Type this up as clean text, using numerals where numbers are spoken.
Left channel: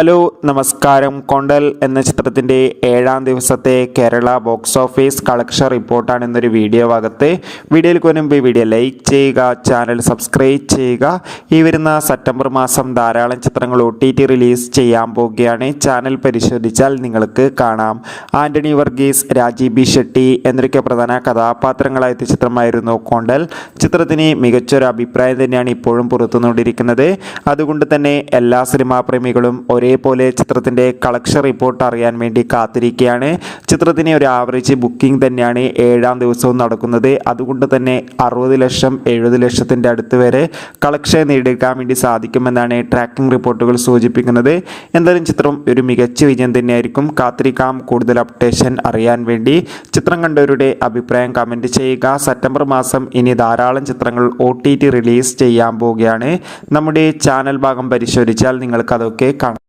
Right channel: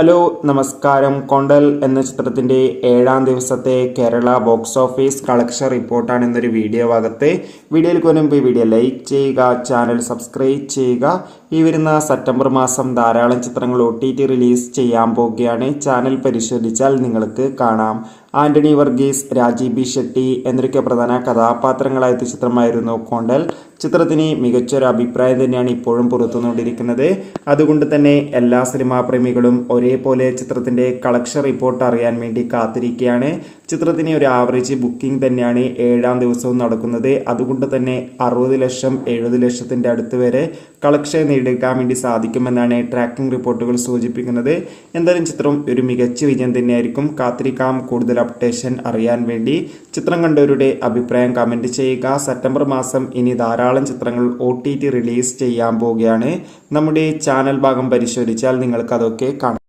Hello നമസ്കാരം. കൊണ്ടൽ എന്ന ചിത്രത്തിൻ്റെ 7ാം ദിവസത്തെ കേരള ബോക്സ് ഓഫീസ് കളക്ഷൻ റിപ്പോർട്ടാണ് ഇന്നൊരു വീഡിയോ ഭാഗത്ത്. വീഡിയോയിൽ മുൻപ് വീഡിയോ ലൈക്ക് ചെയ്യുക, ചാനൽ സബ്സ്ക്രൈബ് ചെയ്യുക. ഈ വരുന്ന സെപ്റ്റംബർ മാസം ധാരാളം ചിത്രങ്ങൾ OTT റിലീസ് ചെയ്യാൻ പോവുകയാണ്. ചാനൽ പരിശോധിച്ചാൽ നിങ്ങൾക്ക് കാണാം. ആൻ്റണി വർഗീസ്, രാജീവ് ബി ഷെട്ടി എന്നൊക്കെ പ്രധാന കഥാപാത്രങ്ങളായ ചിത്രമായിരുന്നു കൊണ്ടൽ. ചിത്രത്തിന് മികച്ചൊരു അഭിപ്രായം തന്നെയാണ് ഇപ്പോഴും പുറത്തുകൊണ്ടിരിക്കുന്നത്. അതുകൊണ്ട് തന്നെ എല്ലാ സിനിമാ പ്രേമികളും ഒരേപോലെ ചിത്രത്തിൻ്റെ കളക്ഷൻ റിപ്പോർട്ട് അറിയാൻ വേണ്ടി കാത്തിരിക്കുകയാണ്. ചിത്രത്തിന് ഒരു ആവറേജ് ബുക്കിംഗ് തന്നെയാണ് 7ാം ദിവസവും നടക്കുന്നത്. അതുകൊണ്ട് തന്നെ 60 ലക്ഷം 70 ലക്ഷത്തിൻ്റെ അടുത്ത് വരെ കളക്ഷൻ നേടിയെടുക്കാൻ വേണ്ടി സാധിക്കുമെന്നാണ് ട്രാക്കിംഗ് റിപ്പോർട്ടുകൾ സൂചിപ്പിക്കുന്നത്. എന്തായാലും ചിത്രം ഒരു മികച്ച വിജയം തന്നെയായിരിക്കും. കാത്തിരിക്കാം കൂടുതൽ അപ്ഡേഷൻ അറിയാൻ വേണ്ടി. ചിത്രം കണ്ടവരുടെ അഭിപ്രായം കമൻറ്റ് ചെയ്യുക. സെപ്റ്റംബർ മാസം ഇനി ധാരാളം ചിത്രങ്ങൾ OTT റിലീസ് ചെയ്യാൻ പോവുകയാണ്. നമ്മുടെ ചാനൽ ഭാഗം പരിശോധിച്ചാൽ നിങ്ങൾക്ക് അതൊക്കെ കാണാം.